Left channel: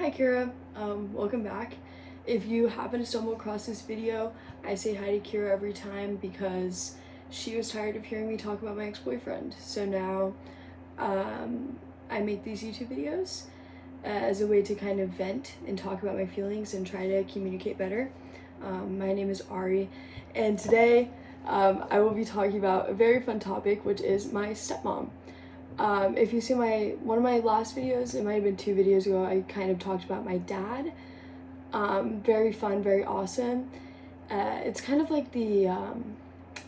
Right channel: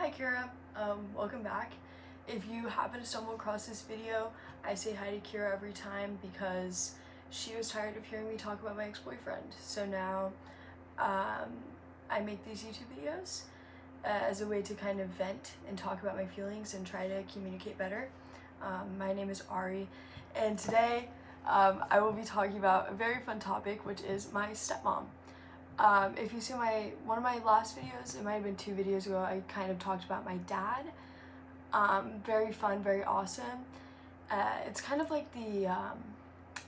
Hi Kira, welcome back. If you happen to stumble across this video, I say hi to Kira every time because she was tired of hearing me talk about my ex-boyfriend. So now I make these YouTube videos as a way to kind of vent and talk about my feelings and try to communicate better. My name is Ari, and today I will be talking about a very fun topic, which is my stepmom. If you see one of my last videos, it might have been 2 videos ago, I kind of talked about my dad. Very fun, very awesome. It's kind of like the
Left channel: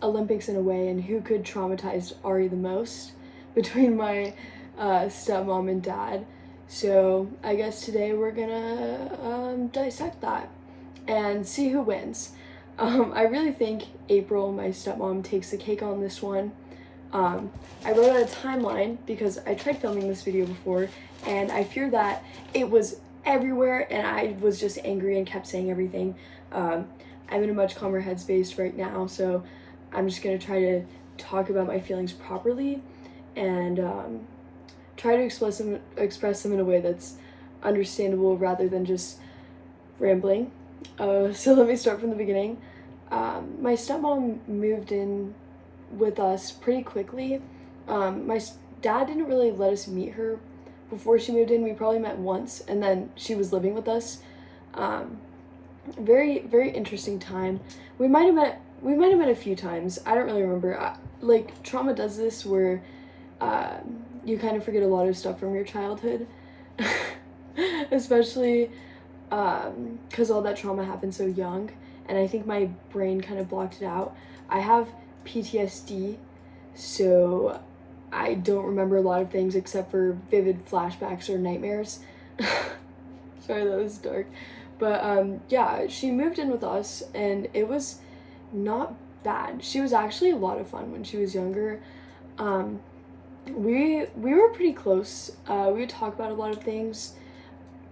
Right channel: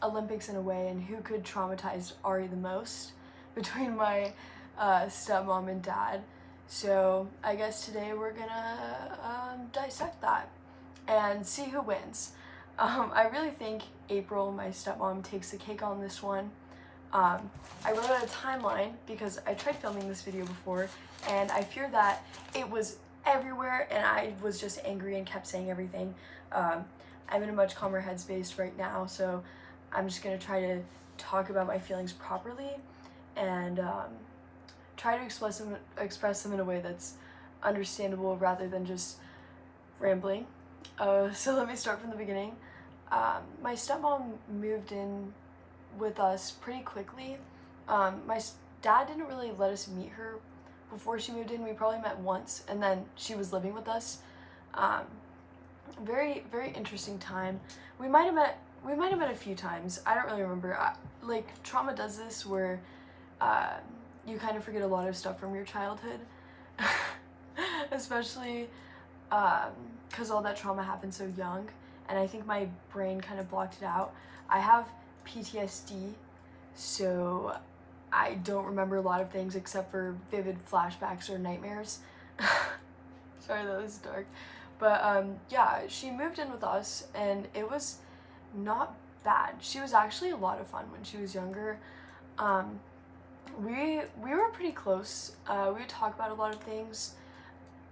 Olympics in a way, and who could traumatize Ari the most between my stepmom and dad. So I guess today we're gonna dissect that and see who wins. I really think April, my stepmom, takes the cake on this one. I wrote out a timeline because I tried filming this video before and I feared that it was everywhere and I was just angry and kept saying everything. I'm in a much calmer headspace right now, so I'm just gonna try to talk about my feelings properly and try to express them in a way that's understandable rather than just rambling. So let me start from the beginning. My stepmom moved in with us pretty quickly. My dad didn't really let us meet her before she moved in. We probably met once and then she was living with us. Very, very interesting time. We might have met a few times. I don't really remember. Like, trauma does this where you kind of forget a lot of stuff from your childhood. Especially because all that trauma happened so young, and I think my brain kind of blocked it out. I have PTSD, so I don't remember a lot of things except for vivid flashbacks or nightmares. Sorry, that was dark. But yeah, she moved in with us and it was not bad. She was actually a lot of fun when she was younger. We were pretty close. We would talk about a lot of things.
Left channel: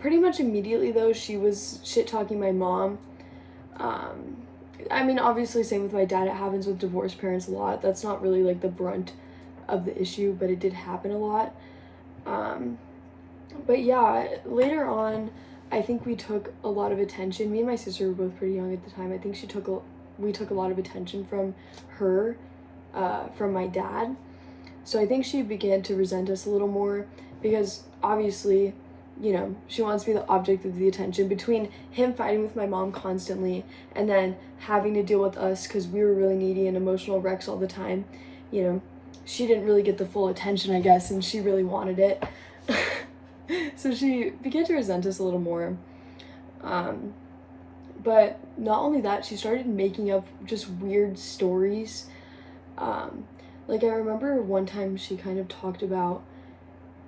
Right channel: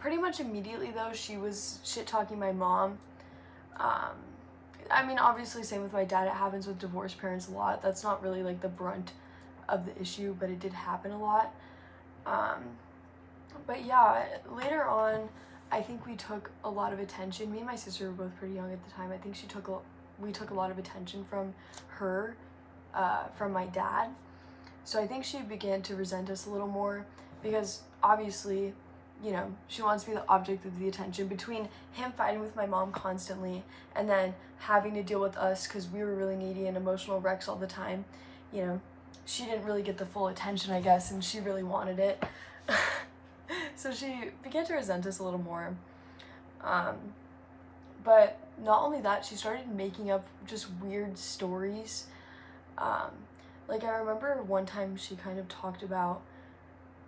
Pretty much immediately though, she was shit-talking my mom. I mean, obviously same with my dad. It happens with divorced parents a lot. That's not really like the brunt of the issue, but it did happen a lot. But yeah, later on, I think we took a lot of attention. Me and my sister were both pretty young at the time. I think we took a lot of attention from her, from my dad. So I think she began to resent us a little more because obviously, you know, she wants to be the object of the attention between him fighting with my mom constantly and then having to deal with us because we were really needy and emotional wrecks all the time. You know, she didn't really get the full attention, I guess, and she really wanted it. So she began to resent us a little more. But not only that, she started making up just weird stories. Like I remember one time she kind of talked about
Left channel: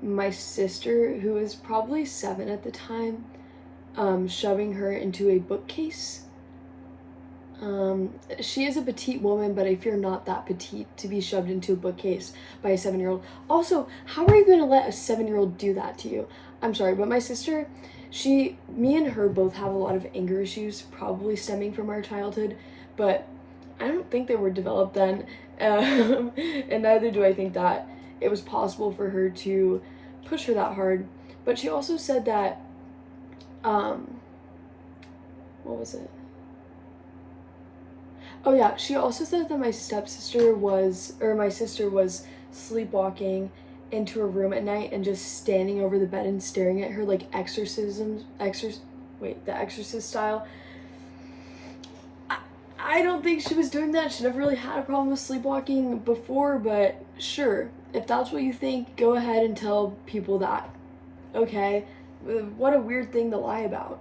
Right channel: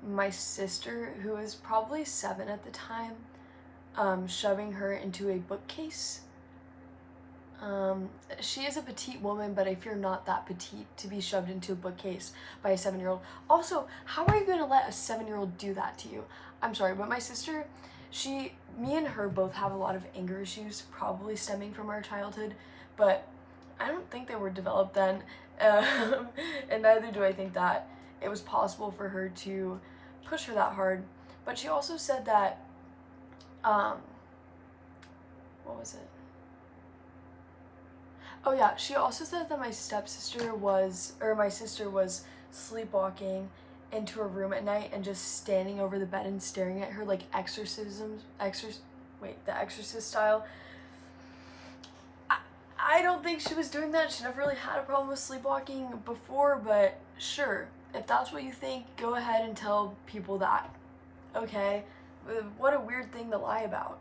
my sister, who was probably 7 at the time, shoving her into a bookcase. She is a petite woman, but I fear not that petite to be shoved into a bookcase by a 7-year-old. Also, how are you going to let a 7-year-old do that to you? I'm sorry, but my sister, me and her both have a lot of anger issues, probably stemming from our childhood, but I don't think they were developed then, and neither do I think that it was possible for her to push her that hard. But she also said that, what was it? Oh yeah, she also said that my sister was sleepwalking into her room at night and just standing over the bed and staring at her like the Exorcist style. I don't think she was doing that. She never really had a problem with sleepwalking before, but sure, if that's what you think, go ahead and tell people that. Okay? What a weird thing to lie about.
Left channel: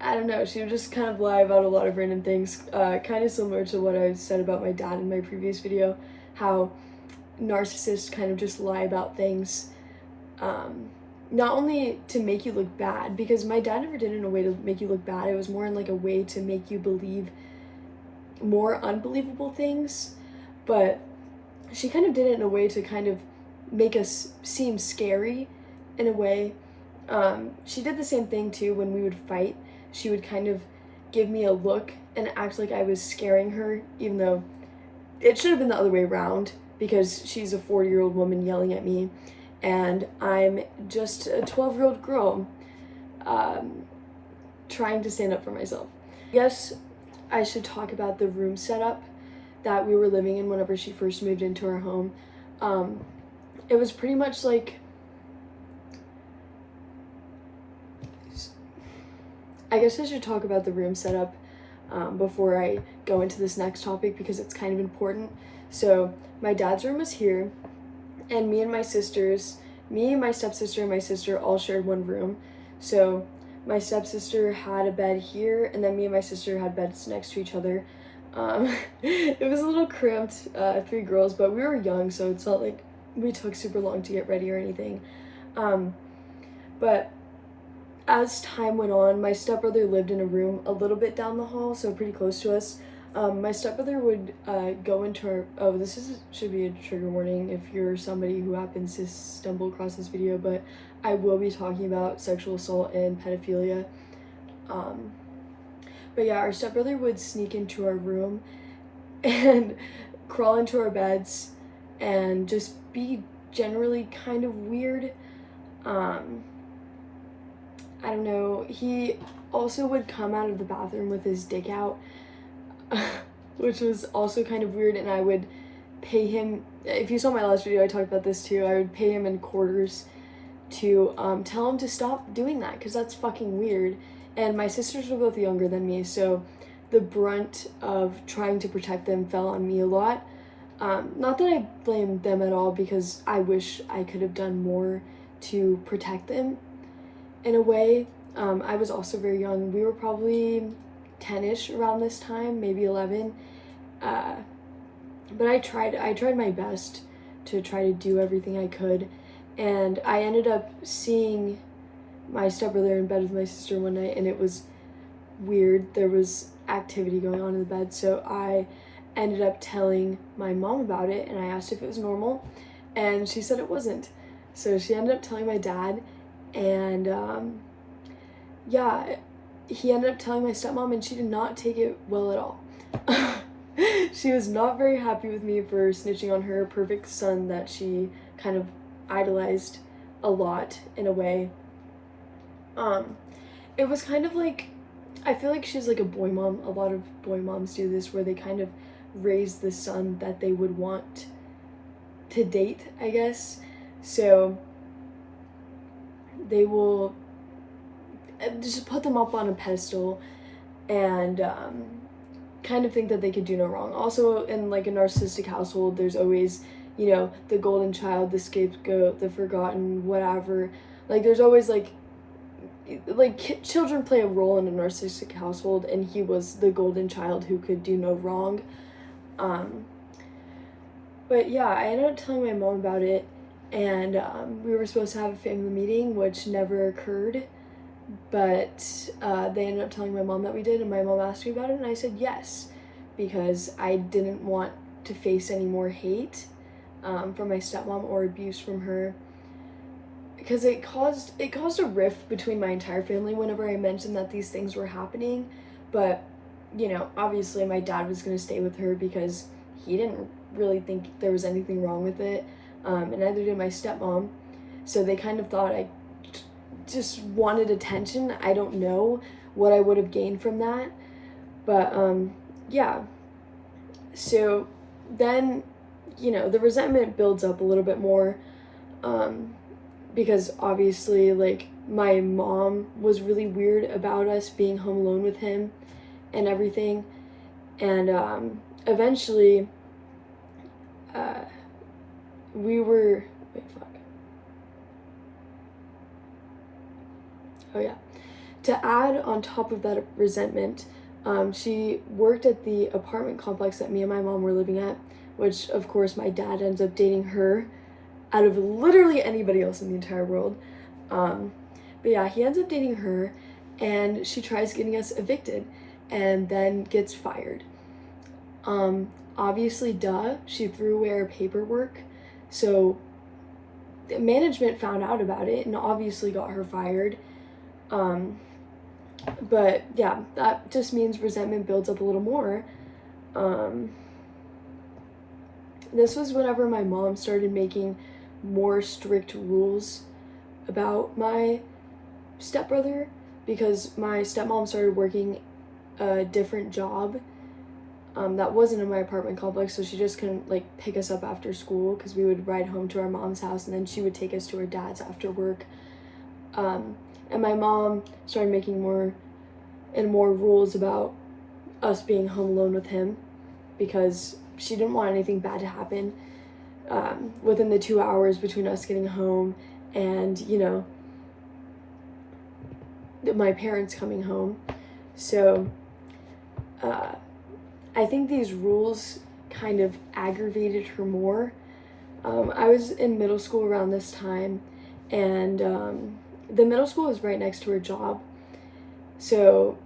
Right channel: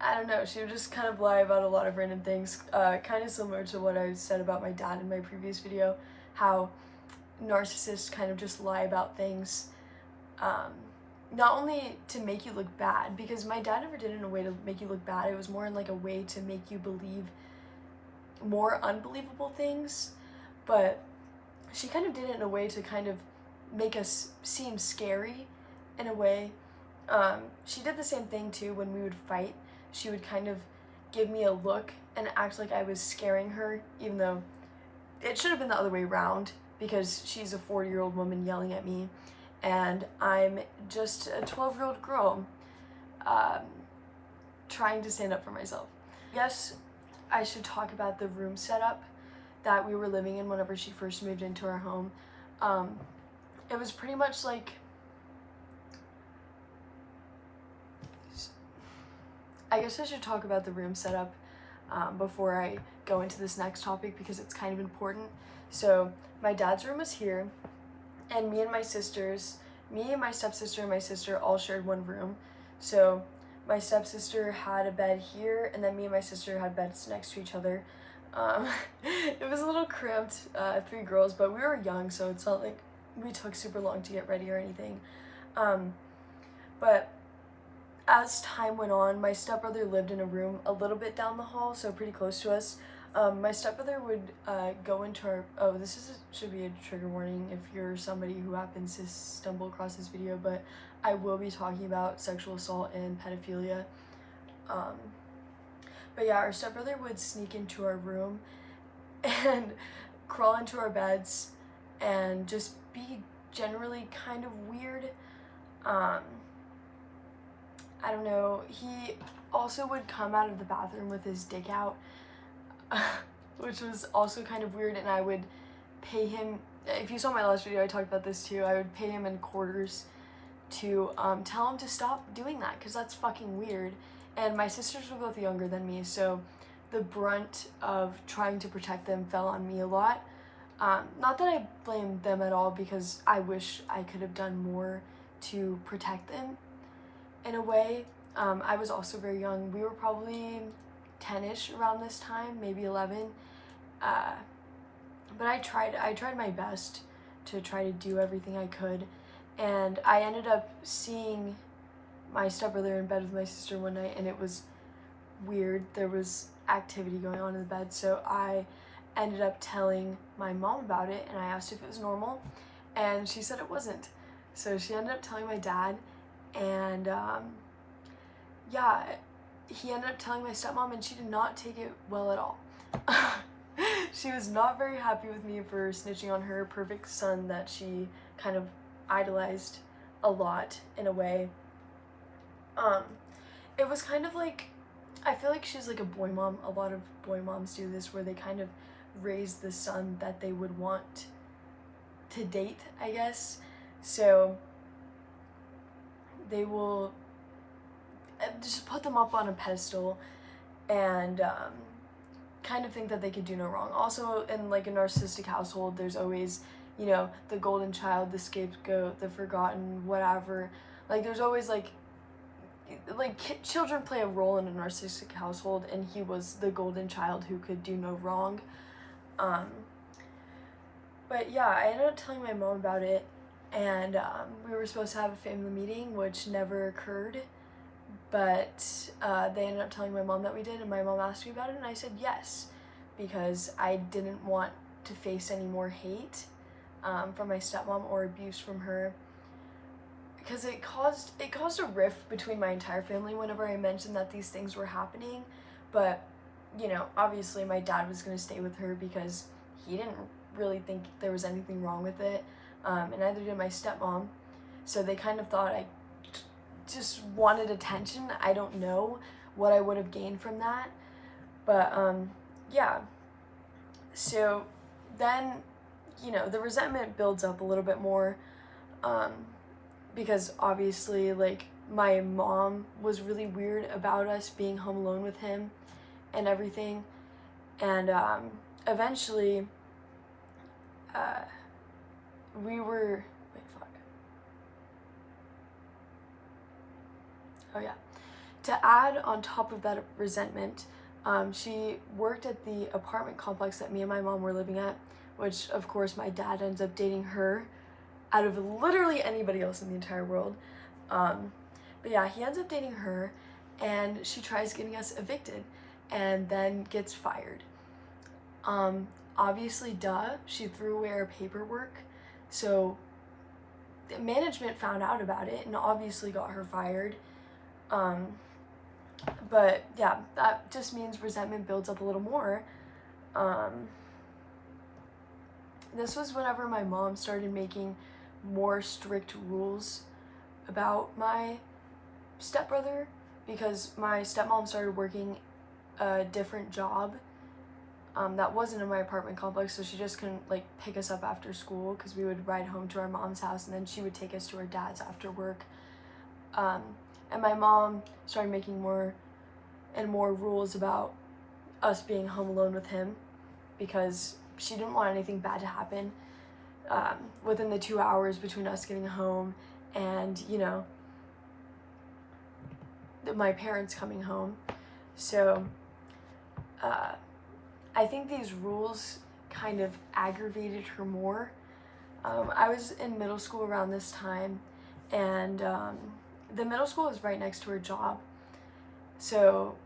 I don't know, she would just kind of lie about a lot of random things, kind of similar to what I said about my dad in my previous video, how narcissists kind of just lie about things, not only to make you look bad, because my dad never did it in a way to make you look bad, it was more in like a way to make you believe more unbelievable things, but she kind of did it in a way to kind of make us seem scary in a way. She did the same thing too when we would fight. She would kind of give me a look and act like I was scaring her, even though it should have been the other way around because she's a 40-year-old woman yelling at me and I'm just a 12-year-old girl. trying to stand up for myself. I guess I should talk about the room setup that we were living in whenever she first moved into our home. It was pretty much like, I guess I should talk about the room setup before I go into this next topic because it's kind of important. So my dad's room was here, and me and my stepsister and my sister all shared one room. So my stepsister had a bed here, and then me and my sister had beds next to each other. It was a little cramped, 3 girls, but we were young, so it's not like we took super long to get ready or anything. But as time went on, my stepbrother lived in a room a little bit down the hall, so pretty close to us. My stepbrother would go into our, should be a trigger warning if you're somebody who happens to stumble across this video, but I will be talking about sexual assault and pedophilia. But yeah, our stepbrother would sneak into our room and crawl into our beds and just be generally kind of weird. I don't know, he also would come out of the bathroom with his dick out, which was also kind of weird, and I would pay him, if you saw my last video I talked about this too, I would pay him in quarters to tell him to stop doing that, because that's fucking weird. And my sisters were both younger than me, so the brunt of trying to protect them fell on me a lot. Not that I blame them at all, because I wish I could have done more to protect them in a way. I was also very young. We were probably 10-ish around this time, maybe 11. But I tried my best to try to do everything I could, and I ended up seeing my stepbrother in bed with my sister one night, and it was weird. There was activity going on in the bed, so I ended up telling my mom about it, and I asked if it was normal, and she said it wasn't. So she ended up telling my dad, and yeah, he ended up telling my stepmom, and she did not take it well at all. She was not very happy with me for snitching on her perfect son that she kind of idolized a lot in a way. It was kind of like, I feel like she's like a boy mom. A lot of boy moms do this, where they kind of raise the son that they would want to date, I guess. So they will just put them up on a pedestal and kind of think that they could do no wrong. Also, in like a narcissistic household, there's always, you know, the golden child, the scapegoat, the forgotten, whatever. Like there's always like children play a role in a narcissistic household, and he was the golden child who could do no wrong. But yeah, I ended up telling my mom about it, and we were supposed to have a family meeting, which never occurred, but they ended up telling my mom that we did, and my mom asked me about it, and I said yes, because I didn't want to face any more hate from my stepmom or abuse from her, because it caused a rift between my entire family whenever I mentioned that these things were happening. But you know, obviously my dad was going to stay with her because he didn't really think there was anything wrong with it, and neither did my stepmom, so they kind of thought I just wanted attention. I don't know what I would have gained from that, but yeah, so then, you know, the resentment builds up a little bit more, because obviously, like, my mom was really weird about us being home alone with him and everything, and eventually we were, oh yeah, to add on top of that resentment, she worked at the apartment complex that me and my mom were living at, which of course my dad ends up dating her out of literally anybody else in the entire world. But yeah, he ends up dating her, and she tries getting us evicted and then gets fired. Obviously, duh, she threw away our paperwork, so the management found out about it and obviously got her fired. But yeah, that just means resentment builds up a little more. This was whenever my mom started making more strict rules about my stepbrother, because my stepmom started working a different job that wasn't in my apartment complex, so she just couldn't like pick us up after school because we would ride home to our mom's house and then she would take us to her dad's after work. And my mom started making more and more rules about us being home alone with him because she didn't want anything bad to happen within the 2 hours between us getting home and, you know, my parents coming home. So I think these rules kind of aggravated her more. I was in middle school around this time, and the middle school was right next to her job. So,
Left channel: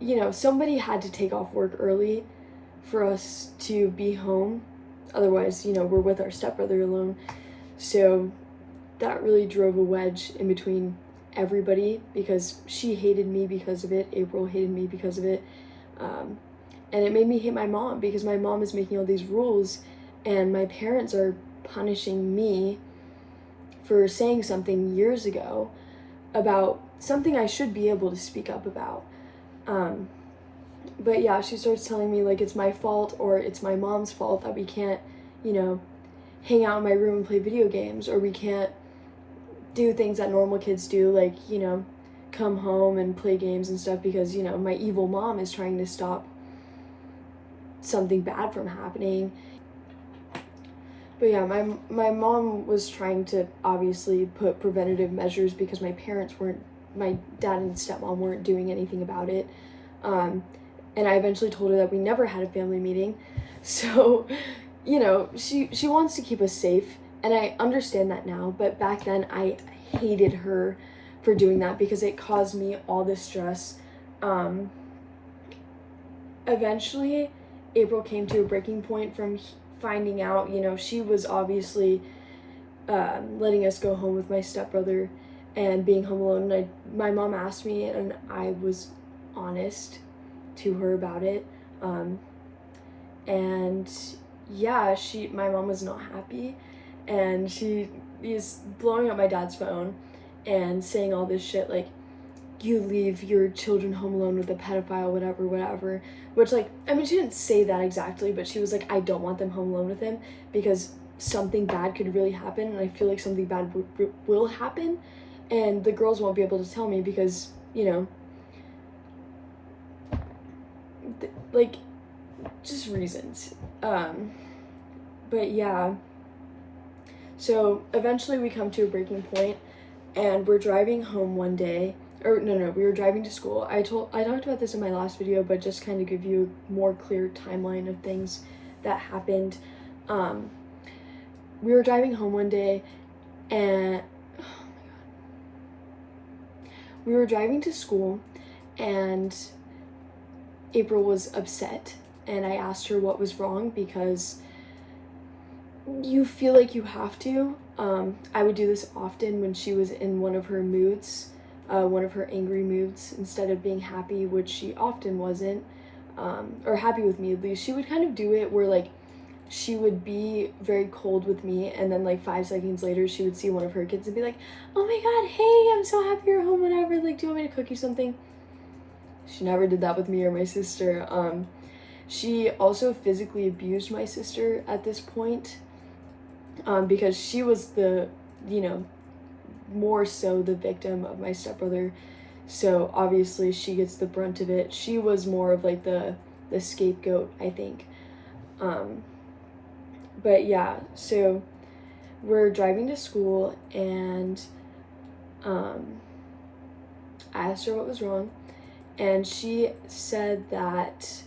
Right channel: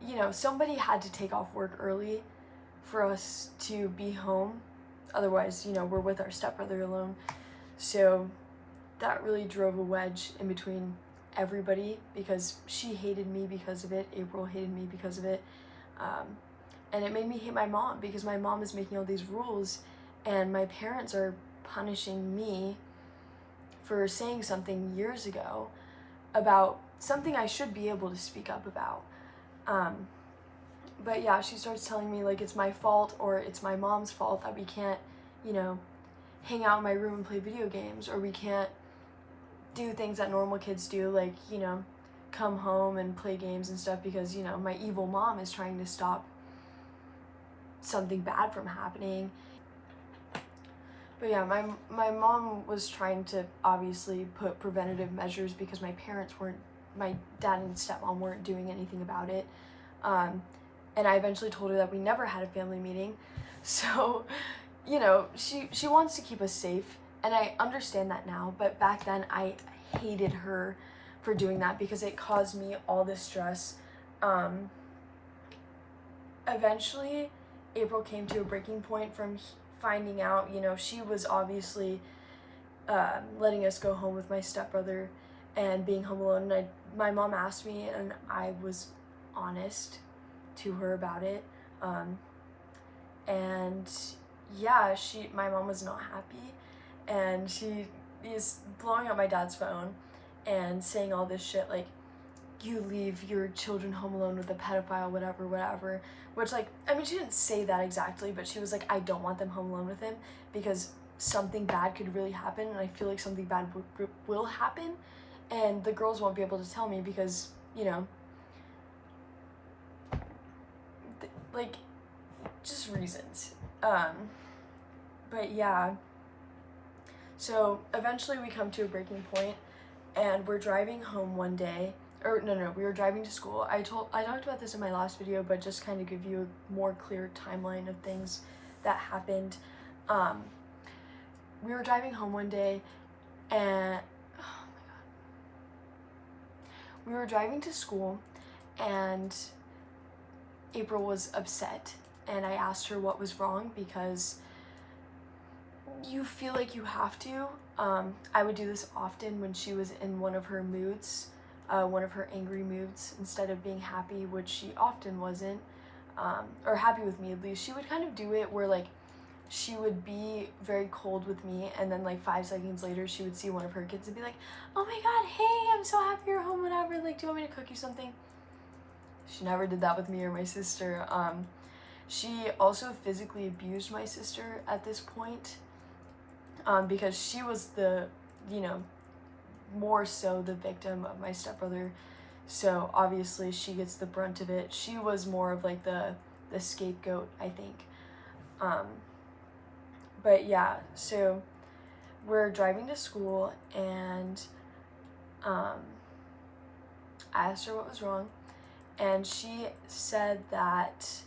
you know, somebody had to take off work early for us to be home. Otherwise, you know, we're with our stepbrother alone. So that really drove a wedge in between everybody because she hated me because of it. April hated me because of it. And it made me hate my mom because my mom is making all these rules and my parents are punishing me for saying something years ago about something I should be able to speak up about. But yeah, she starts telling me like it's my fault or it's my mom's fault that we can't, you know, hang out in my room and play video games, or we can't do things that normal kids do, like, you know, come home and play games and stuff because, you know, my evil mom is trying to stop something bad from happening. But yeah, my mom was trying to obviously put preventative measures because my dad and stepmom weren't doing anything about it. And I eventually told her that we never had a family meeting. So, you know, she wants to keep us safe, and I understand that now, but back then I hated her for doing that because it caused me all this stress. Eventually, April came to a breaking point from finding out, you know, she was obviously letting us go home with my stepbrother and being home alone. And my mom asked me, and I was honest to her about it. And yeah, my mom was not happy, and she is blowing up my dad's phone and saying all this shit like, you leave your children home alone with a pedophile, whatever, which, like, I mean, she didn't say that exactly, but she was like, I don't want them home alone with him because something bad could really happen, and I feel like something bad will happen, and the girls won't be able to tell me because, you know, like, just reasons. But yeah, so eventually we come to a breaking point, and we're driving home one day. Or no, we were driving to school. I talked about this in my last video, but just kind of give you a more clear timeline of things that happened. We were driving home one day, and oh my god, we were driving to school, and April was upset, and I asked her what was wrong because you feel like you have to. I would do this often when she was in one of her moods. One of her angry moods, instead of being happy, which she often wasn't, or happy with me at least. She would kind of do it where, like, she would be very cold with me, and then like 5 seconds later she would see one of her kids and be like, oh my god, hey, I'm so happy you're home, whatever, like, do you want me to cook you something? She never did that with me or my sister. She also physically abused my sister at this point, because she was the, you know, more so the victim of my stepbrother, so obviously she gets the brunt of it. She was more of like the scapegoat, I think. But yeah, so we're driving to school, and I asked her what was wrong, and she said that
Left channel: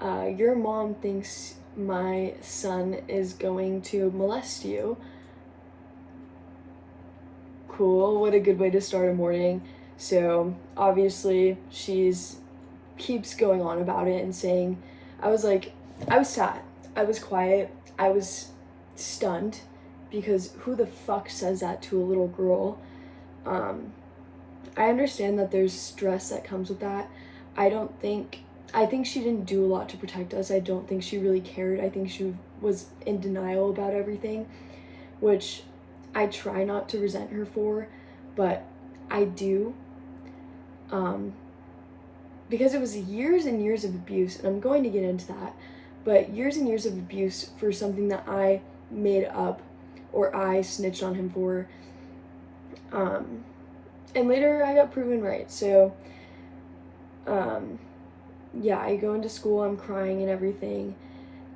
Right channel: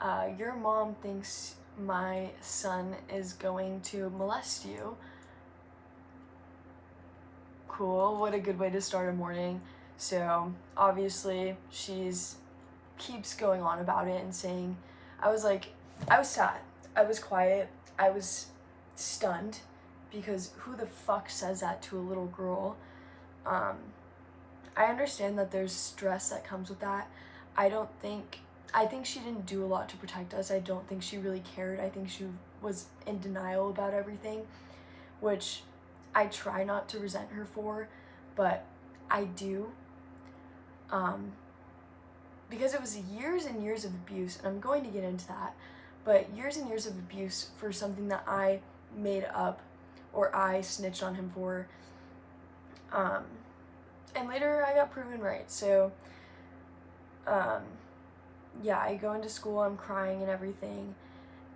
your mom thinks my son is going to molest you. Cool, what a good way to start a morning. So obviously keeps going on about it and saying, I was sad, I was quiet, I was stunned, because who the fuck says that to a little girl? I understand that there's stress that comes with that. I think she didn't do a lot to protect us. I don't think she really cared. I think she was in denial about everything, which I try not to resent her for, but I do. because it was years and years of abuse, and I'm going to get into that, but years and years of abuse for something that I made up or I snitched on him for. And later I got proven right. So, yeah, I go into school, I'm crying and everything.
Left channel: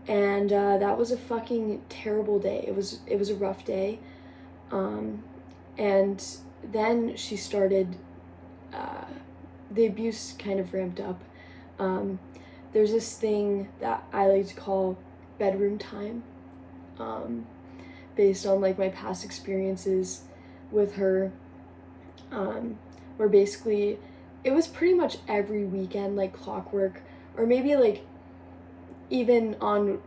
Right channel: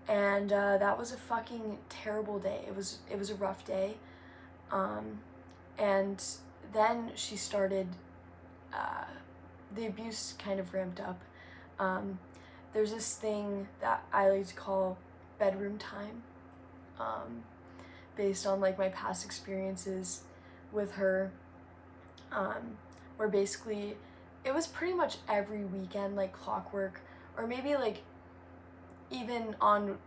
And that was a fucking terrible day. It was a rough day. And then she started, the abuse kind of ramped up. There's this thing that I like to call bedroom time, based on like my past experiences with her, where basically it was pretty much every weekend, like clockwork, or maybe like even on,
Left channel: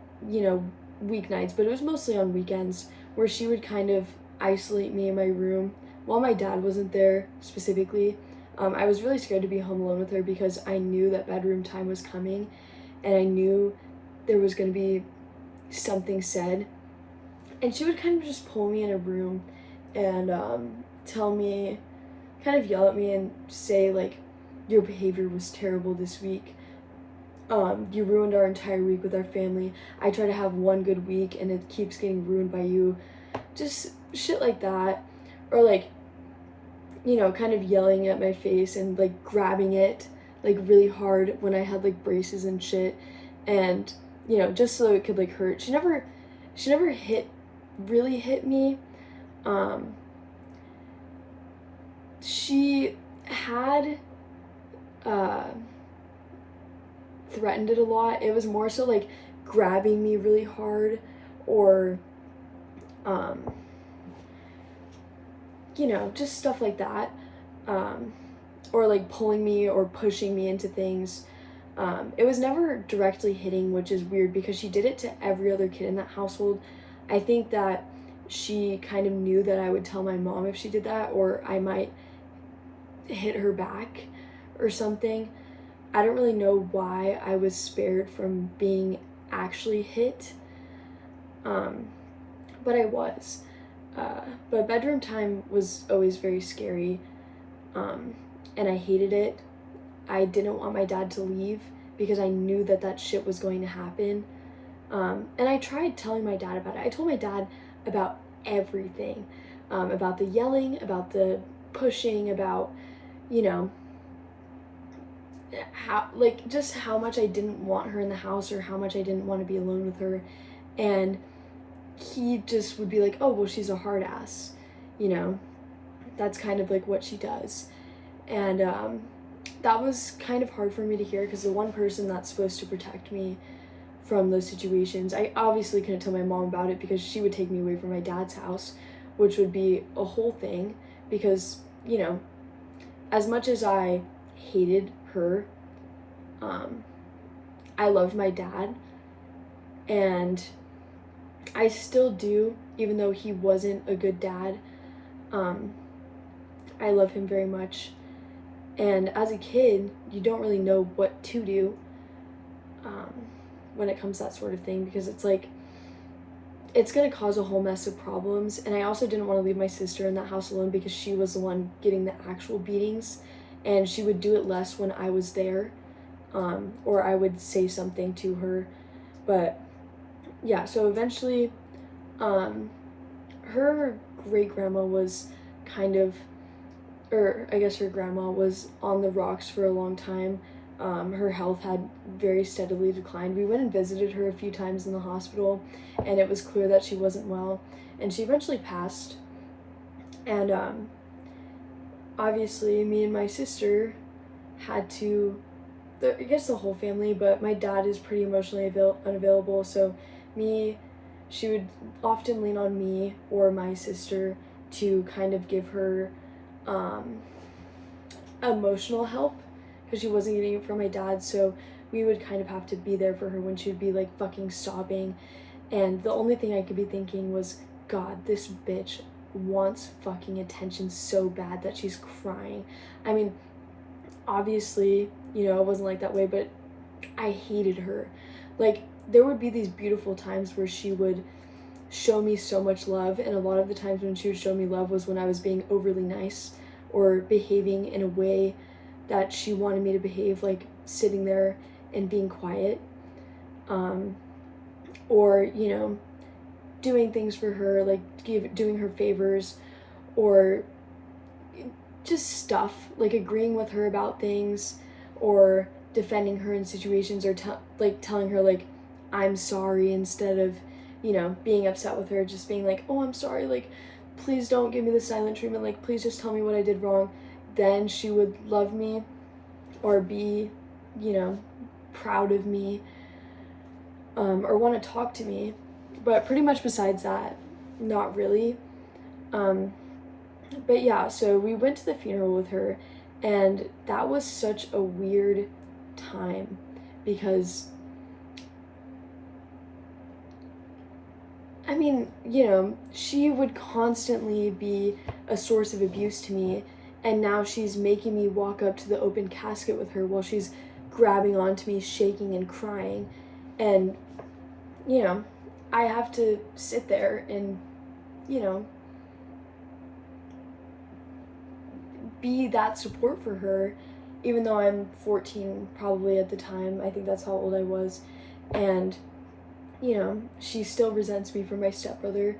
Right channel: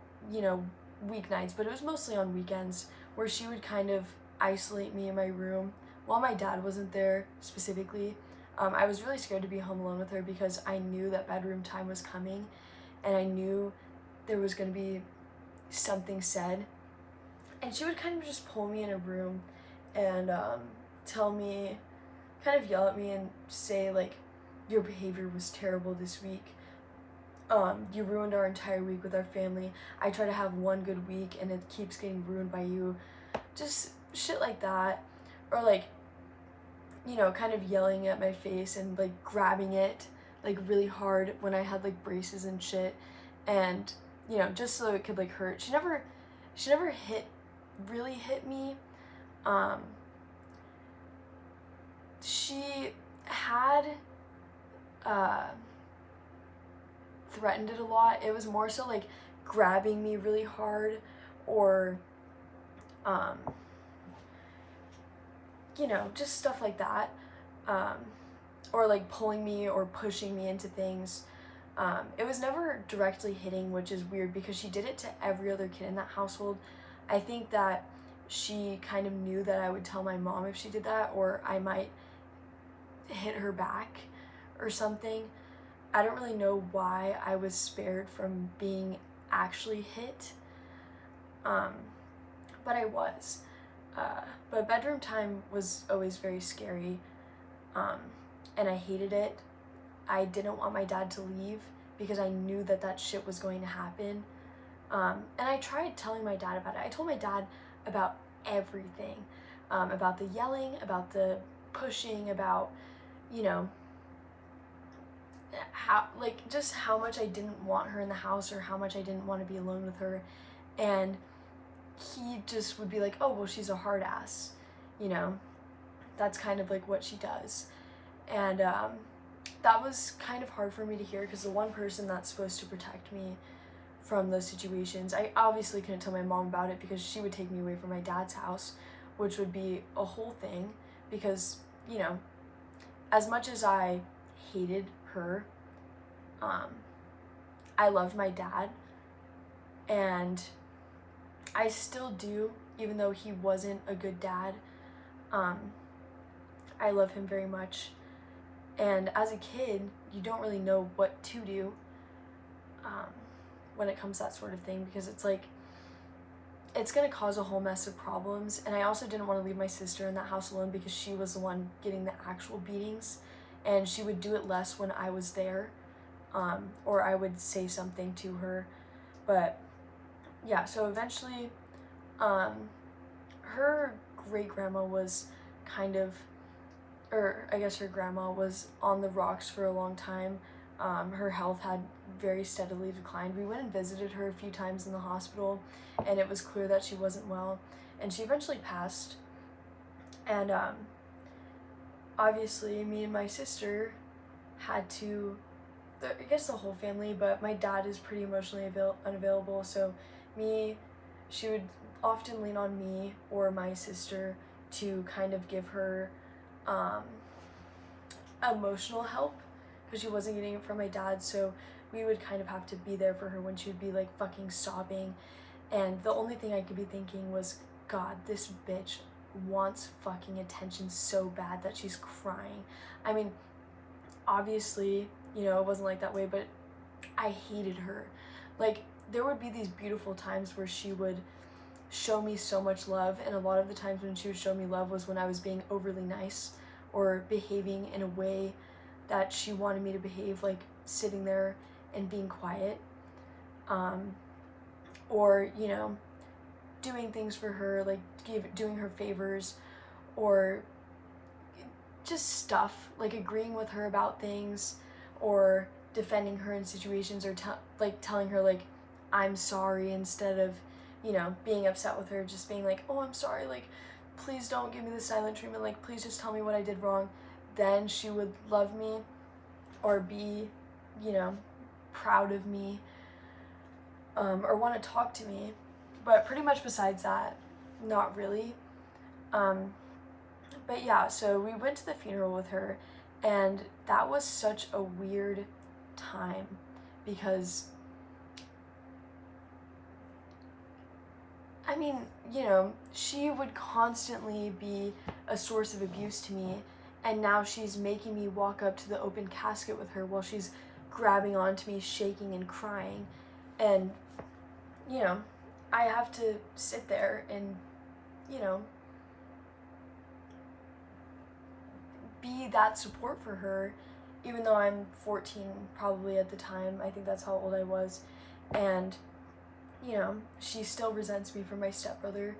weeknights, but it was mostly on weekends, where she would kind of isolate me in my room while my dad wasn't there specifically. I was really scared to be home alone with her because I knew that bedroom time was coming, and I knew there was going to be something said. And she would kind of just pull me in a room and tell me, kind of yell at me and say, like, your behavior was terrible this week. You ruined our entire week with our family. I try to have one good week and it keeps getting ruined by you. Just shit like that. Or like, kind of yelling at my face and like grabbing it like really hard when I had like braces and shit. And, just so it could like hurt. She never really hit me. She had threatened it a lot. It was more so like grabbing me really hard, or just stuff like that, or like pulling me or pushing me into things. It was never directly hitting, which is weird because she did it to every other kid in that household. I think that she kind of knew that I would tell my mom if she did that, or I might hit her back or something. I don't really know why I was spared from being actually hit, but I was. But bedroom time was always very scary, and I hated it. I didn't want my dad to leave because I knew that shit was going to happen. And I tried telling my dad about it. I told my dad about everything, about the yelling, about the pushing, about, how much I didn't want her in the house, or how much I didn't want to be alone with her. And he just would be like, oh, well, she's a hard ass, that's kind of like what she does. And that was kind of hard for me to hear, because the one person that's supposed to protect me from those situations, I obviously couldn't tell my mom about it because she would take me away from my dad's house, which would be a whole thing, because, as much as I hated her, I loved my dad, and I still do, even though he wasn't a good dad. I love him very much. And as a kid, you don't really know what to do when it comes to that sort of thing, because it's like, it's going to cause a whole mess of problems. And I also didn't want to leave my sister in that house alone, because she was the one getting the actual beatings, and she would do it less when I was there, or I would say something to her. But yeah, so eventually her great-grandma was kind of, or I guess her grandma was on the rocks for a long time. Her health had very steadily declined. We went and visited her a few times in the hospital, and it was clear that she wasn't well, and she eventually passed. And obviously me and my sister had to, I guess the whole family, but my dad is pretty emotionally unavailable, so she would often lean on me or my sister to kind of give her emotional help, because she wasn't getting it from my dad. So we would kind of have to be there for her when she would be like fucking sobbing, and the only thing I could be thinking was, God, this bitch wants fucking attention so bad that she's crying. I mean, obviously, it wasn't like that way, but I hated her. Like, there would be these beautiful times where she would show me so much love, and a lot of the times when she would show me love was when I was being overly nice or behaving in a way that she wanted me to behave like sitting there and being quiet, or, you know, doing things for her, like doing her favors, or just stuff, like agreeing with her about things, or defending her in situations, or like telling her like I'm sorry, instead of, you know, being upset with her, just being like, oh, I'm sorry, like please don't give me the silent treatment, like please just tell me what I did wrong. Then she would love me, or be, you know, proud of me, or want to talk to me. But pretty much besides that, not really. But yeah, so we went to the funeral with her, and that was such a weird time because, I mean, you know, she would constantly be a source of abuse to me, and now she's making me walk up to the open casket with her while she's grabbing onto me, shaking and crying. And, you know, I have to sit there and, you know, be that support for her, even though I'm 14 probably at the time. I think that's how old I was. And, you know, she still resents me for my stepbrother.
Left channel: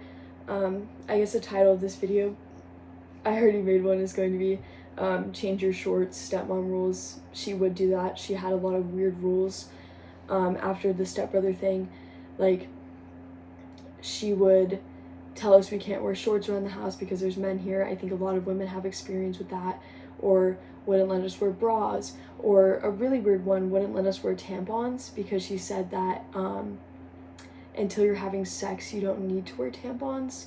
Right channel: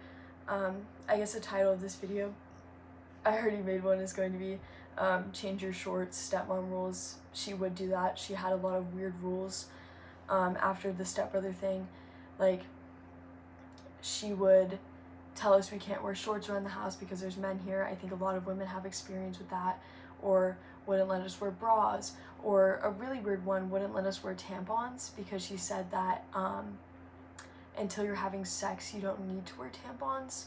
I guess the title of this video, I already made one, is going to be change your shorts, stepmom rules. She would do that. She had a lot of weird rules after the stepbrother thing. Like, she would tell us we can't wear shorts around the house because there's men here. I think a lot of women have experience with that. Or wouldn't let us wear bras. Or a really weird one, wouldn't let us wear tampons because she said that until you're having sex, you don't need to wear tampons.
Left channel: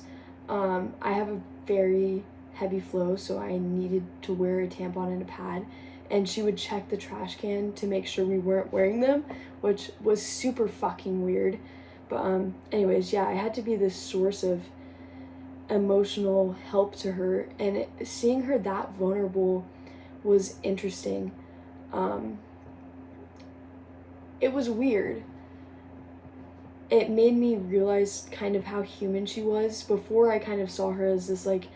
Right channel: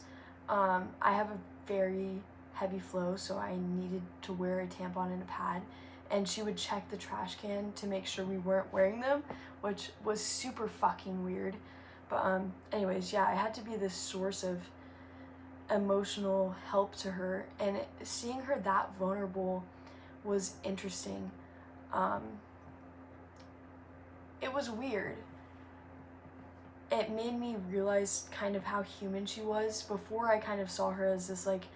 I have a very heavy flow, so I needed to wear a tampon and a pad. And she would check the trash can to make sure we weren't wearing them, which was super fucking weird. But anyways, yeah, I had to be this source of emotional help to her, and seeing her that vulnerable was interesting. It was weird. It made me realize kind of how human she was. Before, I kind of saw her as this like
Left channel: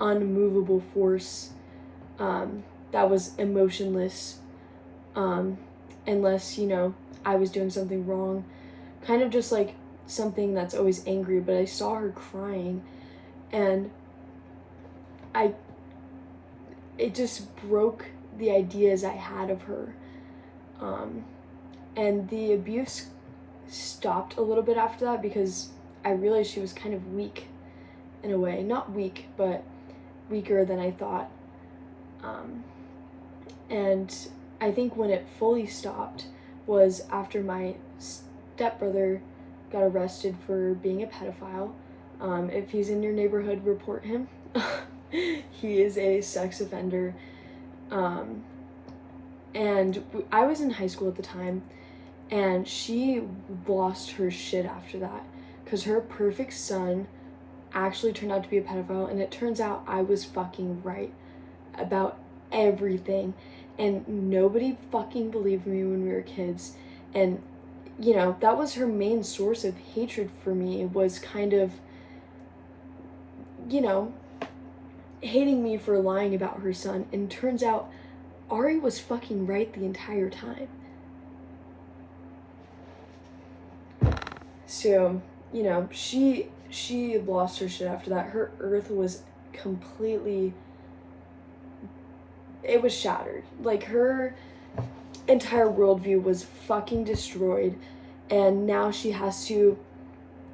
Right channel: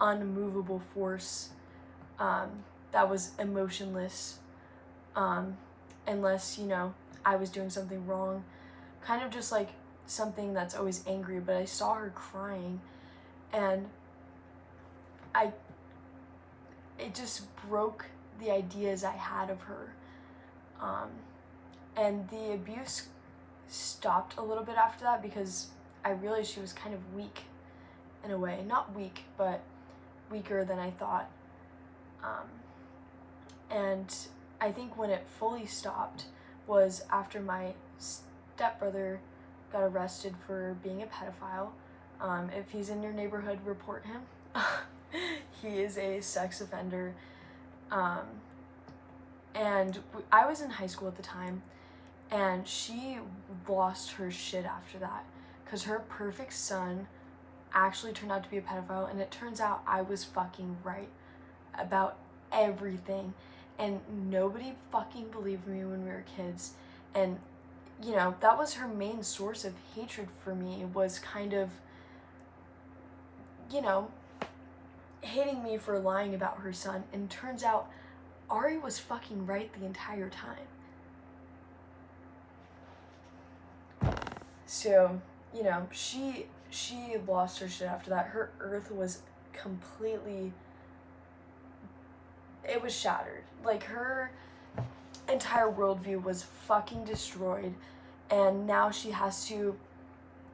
unmovable force that was emotionless, unless, you know, I was doing something wrong. Kind of just like something that's always angry. But I saw her crying, and it just broke the ideas I had of her. And the abuse stopped a little bit after that because I realized she was kind of weak in a way. Not weak, but weaker than I thought. And I think when it fully stopped was after my stepbrother got arrested for being a pedophile. If he's in your neighborhood, report him. He is a sex offender. And I was in high school at the time, and she lost her shit after that because her perfect son actually turned out to be a pedophile, and it turns out I was fucking right about everything, and nobody fucking believed me when we were kids. And, you know, that was her main source of hatred for me, was kind of, you know, hating me for lying about her son. And turns out Ari was fucking right the entire time. So, you know, she lost her shit after that. Her earth was completely, it was shattered. Like, her entire worldview was fucking destroyed, and now she has to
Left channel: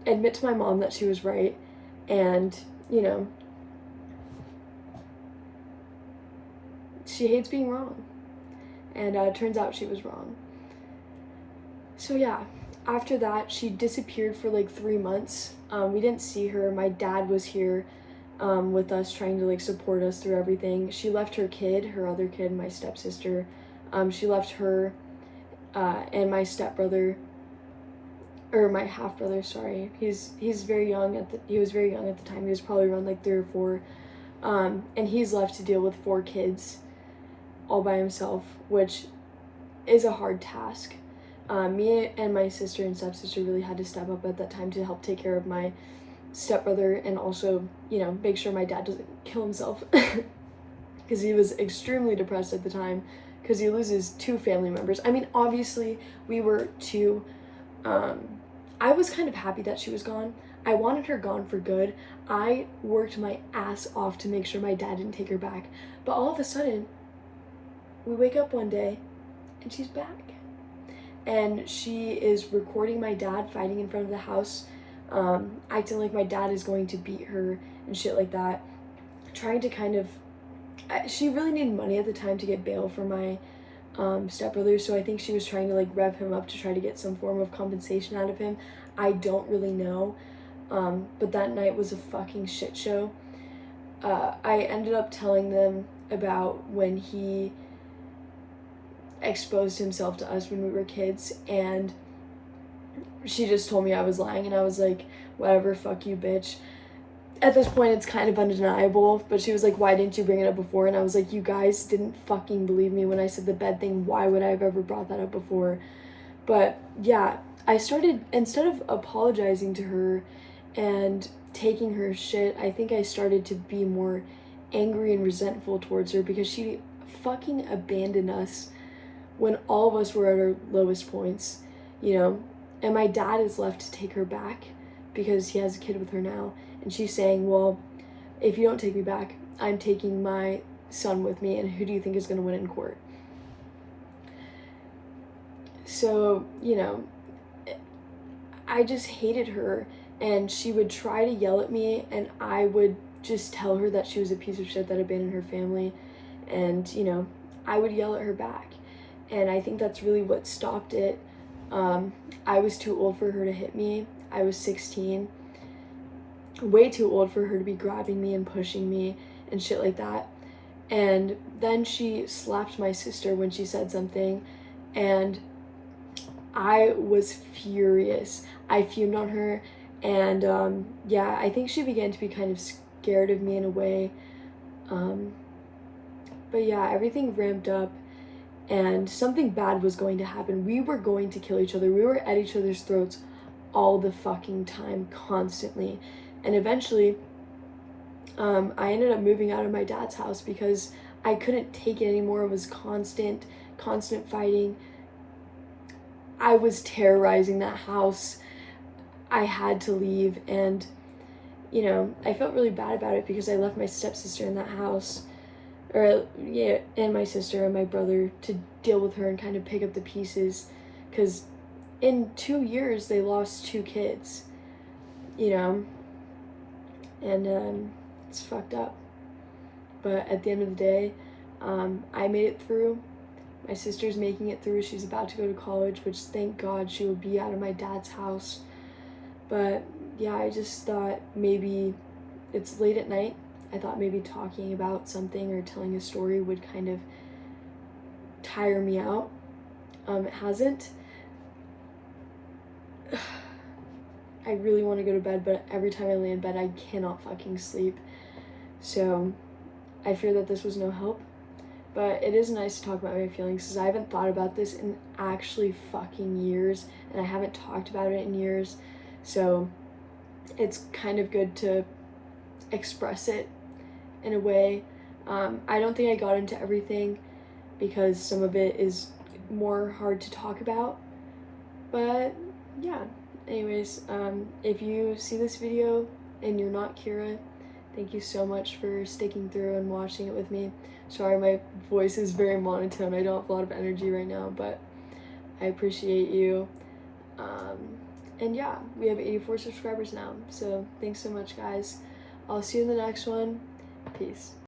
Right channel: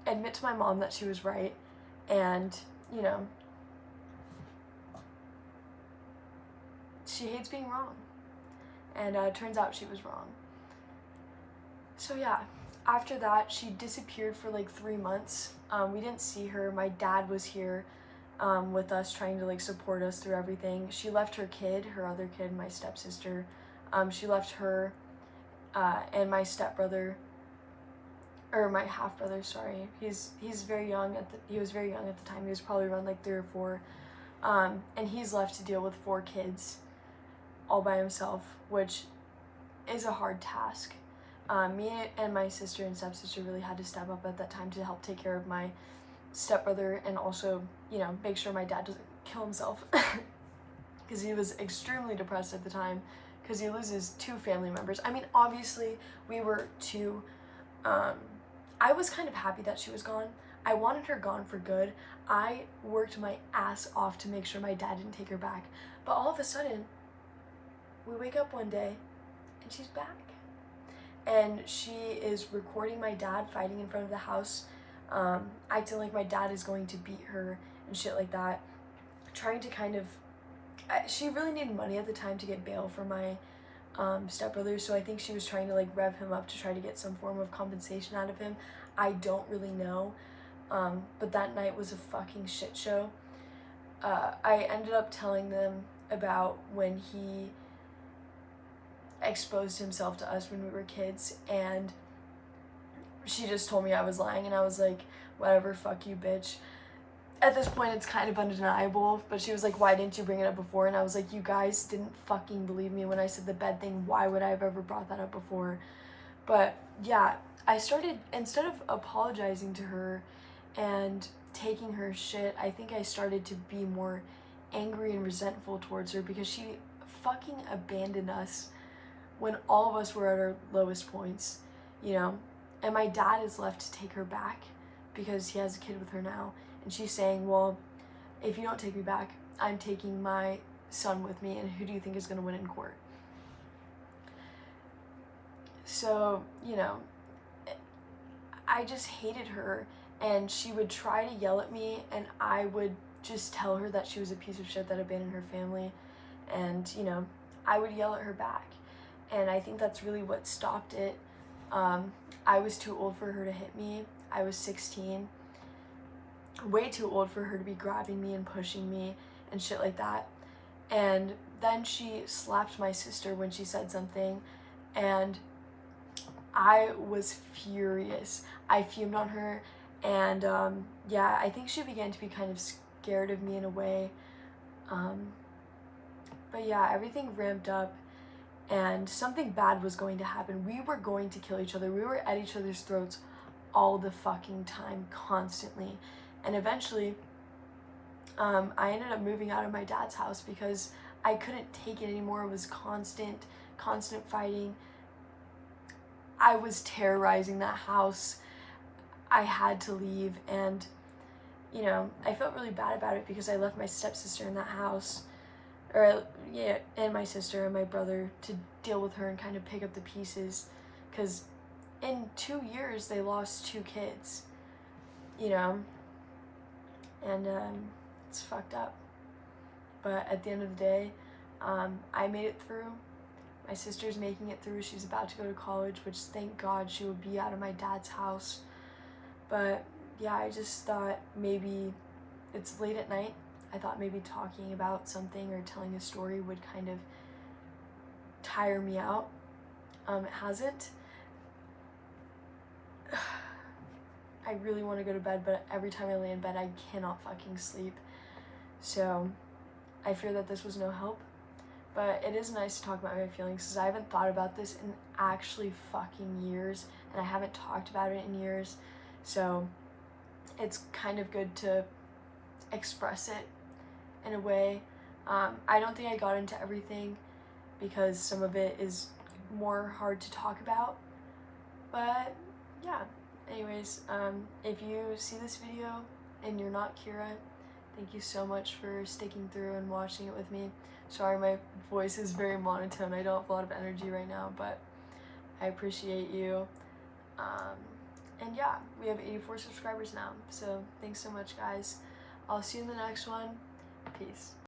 admit to my mom that she was right, and, you know, she hates being wrong, and it turns out she was wrong. So yeah, after that, she disappeared for like 3 months. We didn't see her. My dad was here with us, trying to like support us through everything. She left her kid, her other kid, my stepsister. She left her and my stepbrother, or my half brother, sorry. He's very young he was very young at the time. He was probably around like 3 or 4. And he's left to deal with 4 kids all by himself, which is a hard task. Me and my sister and stepsister really had to step up at that time to help take care of my stepbrother, and also, you know, make sure my dad doesn't kill himself. because he was extremely depressed at the time because he loses 2 family members. I mean, obviously we were too, I was kind of happy that she was gone. I wanted her gone for good. I worked my ass off to make sure my dad didn't take her back. But all of a sudden, we wake up one day and she's back. And she is recording my dad fighting in front of the house, acting like my dad is going to beat her and shit like that. Trying to kind of, she really needed money at the time to get bail for my stepbrother, so I think she was trying to like rev him up to try to get some form of compensation out of him. I don't really know, but that night was a fucking shit show. I ended up telling them about when he exposed himself to us when we were kids, and she just told me I was lying, and I was like, whatever, fuck you, bitch. At this point, it's kind of undeniable, but she was like, why didn't you bring it up before? And I was like, you guys didn't fucking believe me when I said the bed thing. Why would I have ever brought that up before? But yeah, I started, instead of apologizing to her and taking her shit, I think I started to be more angry and resentful towards her because she fucking abandoned us when all of us were at our lowest points, you know? And my dad is left to take her back because he has a kid with her now. And she's saying, well, if you don't take me back, I'm taking my son with me, and who do you think is going to win in court? So, you know, I just hated her, and she would try to yell at me, and I would just tell her that she was a piece of shit that abandoned her family, and, you know, I would yell at her back. And I think that's really what stopped it. I was too old for her to hit me. I was 16. Way too old for her to be grabbing me and pushing me and shit like that. And then she slapped my sister when she said something, and I was furious. I fumed on her, and yeah, I think she began to be kind of scared of me in a way. But yeah, everything ramped up, and something bad was going to happen. We were going to kill each other. We were at each other's throats all the fucking time, constantly. And eventually, I ended up moving out of my dad's house because I couldn't take it anymore. It was constant fighting. I was terrorizing that house. I had to leave, and, you know, I felt really bad about it because I left my stepsister in that house, or, yeah, and my sister and my brother to deal with her and kind of pick up the pieces, because in 2 years, they lost 2 kids, you know? And it's fucked up. But at the end of the day, I made it through. My sister's making it through. She's about to go to college, which thank God she will be out of my dad's house. But yeah, I just thought maybe it's late at night. I thought maybe talking about something or telling a story would kind of tire me out. It hasn't. I really want to go to bed, but every time I lay in bed, I cannot fucking sleep. So I fear that this was no help. But it is nice to talk about my feelings because I haven't thought about this in actually fucking years, and I haven't talked about it in years. So it's kind of good to express it in a way. I don't think I got into everything because some of it is more hard to talk about. But yeah. Anyways, if you see this video and you're not Kira, thank you so much for sticking through and watching it with me. Sorry, my voice is very monotone. I don't have a lot of energy right now, but I appreciate you. And yeah, we have 84 subscribers now, so thanks so much, guys. I'll see you in the next one. Peace.